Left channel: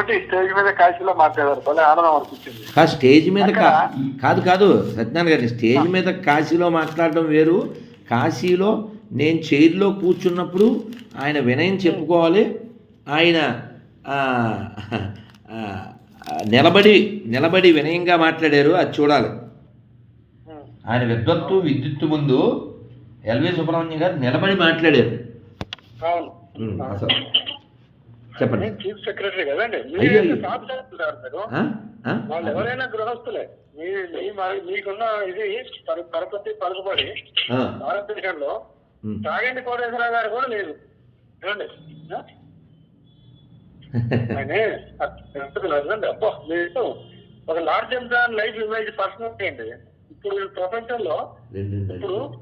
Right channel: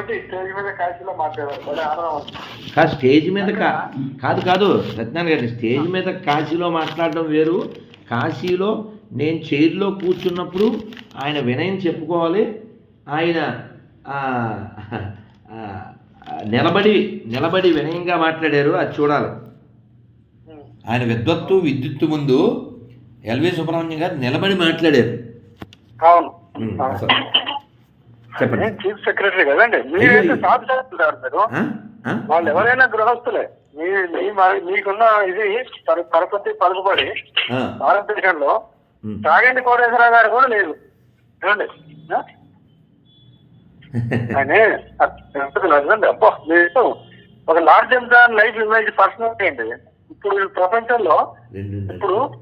Stage మీద కాదు stage మీద కా కాదు కాదు సత్యనారాయణ గారి స్టేజ్ మీద కాశీలో మాట్లాడడం వేరు. కాశీలో నేను చైర్లో కూర్చున్నప్పుడు ఆయన వినయం చెప్పుకోవాలి. ఆయన నిలబడి నిలబడి వినయంగా మాట్లాడారు. అది చూడాలి. ఆయన విద్వత్తు విద్యుత్తు ముందు ఎల్వి సుబ్రహ్మణ్యం గారు నిలబడి మాట్లాడారు. అవును. చెప్పండి. చీఫ్ సెక్రటరీ కదండి. మీరైతే మీరు. ఆ? ఆ? వాళ్ళు ఎవరైనా గృహస్థులే. మీ మరి- మీకున్న ఇది పర- పరపతి పలుకుబడి. భారతదేశంలో. తాగండి కోటేశ్వరరావు గారు కూడా లేదు. ఆ? ఆయన అబ్బో మీరు ఒక large than life image personality అండి ఇప్పుడు ప్రపంచంలో ఇప్పుడు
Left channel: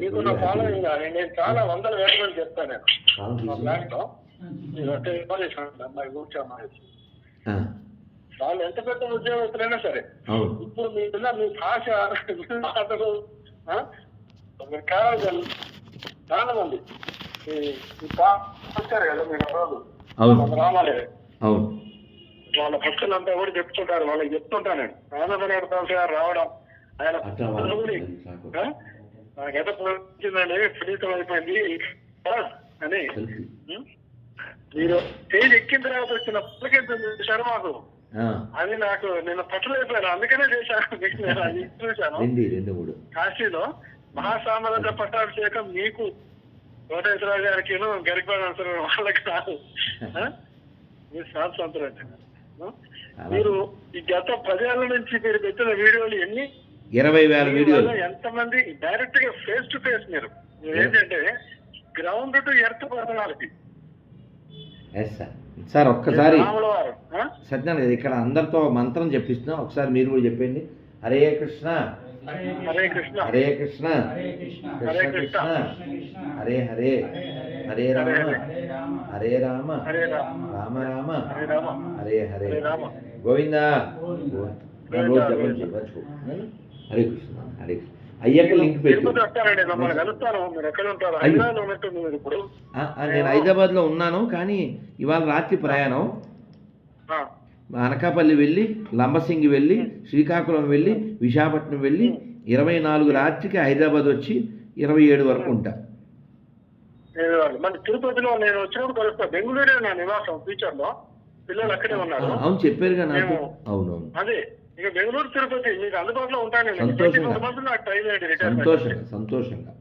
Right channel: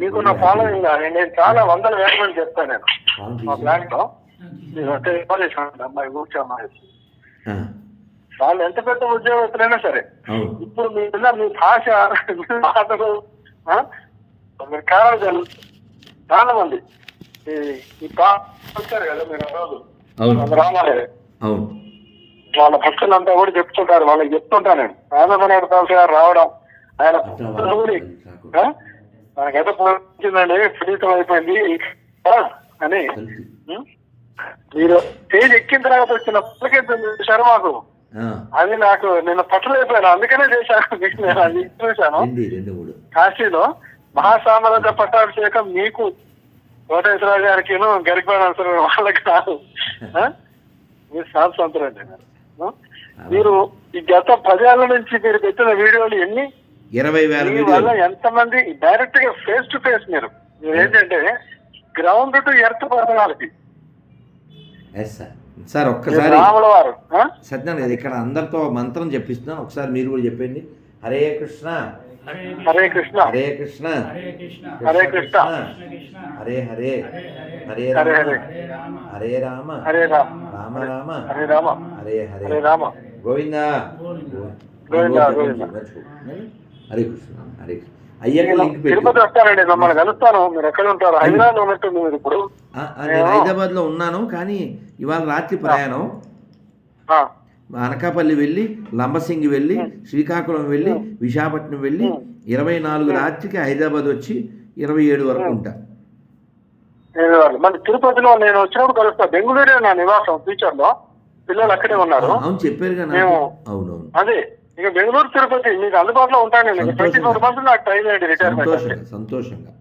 మీకున్న ఫాలోయింగ్ నేను చాలా వందల వేల మంది చెప్తాను నేను. మా ప్లాన్లో మీరు అంటే ఇవ్వాలి అమ్మాయి కూర్చో అమ్మాయి వాళ్ళు ఎంత పెద్ద ఉద్యోగస్తులైనా సరే ఇప్పుడు మీకున్న మీ భాష మీ మాటలు? మీరు కారణాలు చాలా మంది. ఈ- వస్తారు కదా మీరు రోజు. వాళ్ళ భక్తులంతా కూడా చెప్తుంటారు. వాళ్ళకి చెప్తుంటాను నేను. ఆనందనాడు గారు రావడం ఆయన భక్తులు? మనకైతే పోయిందండి ఫలితం అయిపోయింది? అని? మీరు స్టేజ్ ఎక్కిన తర్వాత వచ్చిన చూశారు మాకు. అది నాకు నేను పట్టలేకపోయాను అందుకనే చేశాను. నేను అది చూశాను. కాశీలో మహాసామ్రాజ్య పట్టాభిషేకం మీకు కోటేశ్వరరావు గారికి గరికపాడ వాళ్ళకి కాదు. ఆ? మీరు మీరు. ఆ? మీరు ఈ గత పదేళ్ళ నుంచి మీరు పెట్టిన వీడియోలు ఎన్ని? ఇరవై వేల వల్ల ఎంతమంది డైరెక్ట్గా ఫేస్ టు ఫేస్ మీరు? మీరు ఏంటంటే ground to earth personality yes sir sir ఒక్కసారి? సత్యనారాయణ గారు ఇక్కడ అందరితో మంత్రం చెప్పిస్తున్నాను ఒకసారి మీరు కూడా చెప్పండి హరే కృష్ణ హరే కృష్ణ హరే కృష్ణ హరే కృష్ణ హరే హరే హరే హరే రామ హరే రామ హరే రామ రామ రామ హరే రామ హరే హరే హరే రామ గోవిందా. హరే కృష్ణ హరే కృష్ణ అయ్యాక లింక్ తిరుపతి పెట్టు వస్తానండి మిమ్మల్ని కలుస్తాను. మీరు ఎక్కడ ఉంటారు హైదరాబాద్ ఉన్నట్టుంది మీరు ఇప్పుడు. ఆ, ఆ, నేను హైదరాబాద్లో ఉన్నాను కానీ ఇవాళ రాత్రి ప్రయాణం. అనకాపల్లి వెళ్ళి లంబసింగి వెళ్ళి శ్రీకాకుళం వెళ్ళి విశాఖపట్నం వెళ్ళి ఇరవై నాలుగు రాత్రికి హైదరాబాద్ వచ్చి ఇరవై ఏడు వరకు ఉంటా. మరి తిరుపతిలో నేను వచ్చినప్పుడు కలుస్తా. బెంగళూరే నా నివాసం ఫ్యూచర్లో పిల్లలు అక్కడే ఉన్నారు. అవును చెప్పారుగా నాకు. మేము- అవునవును. అదే ఇక బెంగళూరు తిరుపతి మీకు అందుబాటులో ఉంటాను నేను. ట్వంటీ ఫోర్ మంత్స్ నాకు టైం అయ్యింది రిటైర్మెంట్ సంతోషంగా?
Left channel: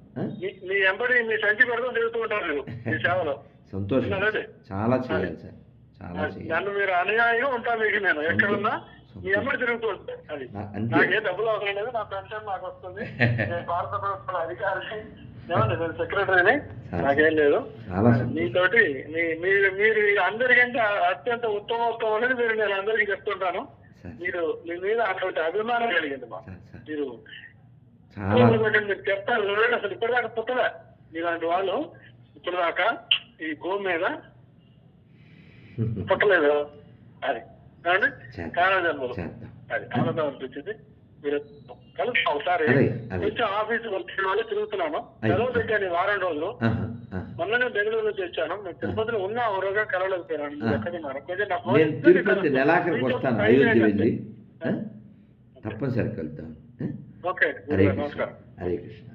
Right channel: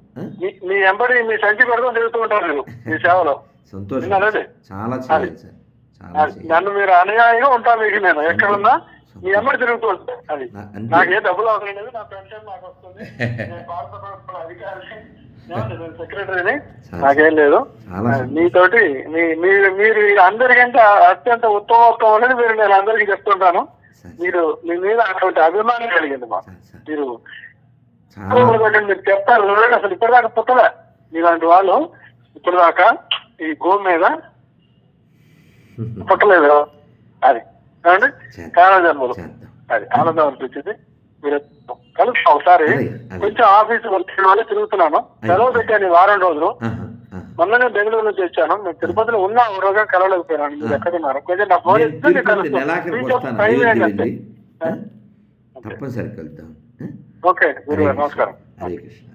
మీ- ఎంబడి మీ సంచి పెట్టుకొని తిరుగుతూ ఉంటారు మీరు మీ సేవలో. సంతోషంగా విన్నారండి? చాలా చేయాలి సార్. నన్ను మీరు అనుయాయిగా ఉంటాను మీకు నేను. ఎక్కడున్నా మీ ఎంబడి తిరుగుతూ ఉంటాను అది. నాకు ఏ డబ్బులు అవసరం లేదు నా పెన్షన్ నాకు వస్తుంది. నేను భారత ప్రభుత్వం నేను సెక్రటరీని నాకేం లేదు. సంతోషం. మీతోటి మీ మీరు మీరు అందరికంటే అత్యంత ఉత్తమోత్తమం అనేది మీరు నేను అందరికీ చెప్తుంటాను. మీరు మీ మీద అటువంటి అభిమానం కలిగింది మాకు. మీరు మీరు చెప్తారు. చూడండి, అసలు ఇప్పటిదాకా పుట్టలే. మీలాంటి వాళ్ళు ఇప్పటిదాకా ఈ గో మీద పుట్టలేదు అది. కారణ జన్మలు అది ఆనందం అనిపించింది. మీరు కలుస్తాం ఒకసారి. కొంచెం ఆఫీస్ వాళ్ళు తిరుగుతున్నాను. సెలవు పెట్టాను వారం రోజులు. మొన్ననే బెంగళూరు నుంచి వచ్చాను. నేను తిరుపతిలో ఉన్నా ఒక రోజుగా కలవలేకపోయాను. మీరు ఎక్కడ ఉన్నారు కొంచెం నా ఫోన్ నేను ఇస్తే నేను తిరుపతి కలుస్తాను. నెలాఖరికి మీతో వస్తాను. టైం అయోధ్య ఏంటంటే? వెళ్ళి. ఆ? తప్పనిసరి కలుద్దాం? ఓకే నమస్కారం. హరే కృష్ణ.